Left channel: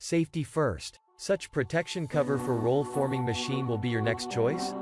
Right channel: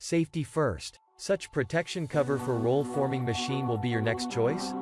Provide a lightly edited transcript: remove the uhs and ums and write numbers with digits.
Safety first. Such protection cover for roll forming machine will be your next choice?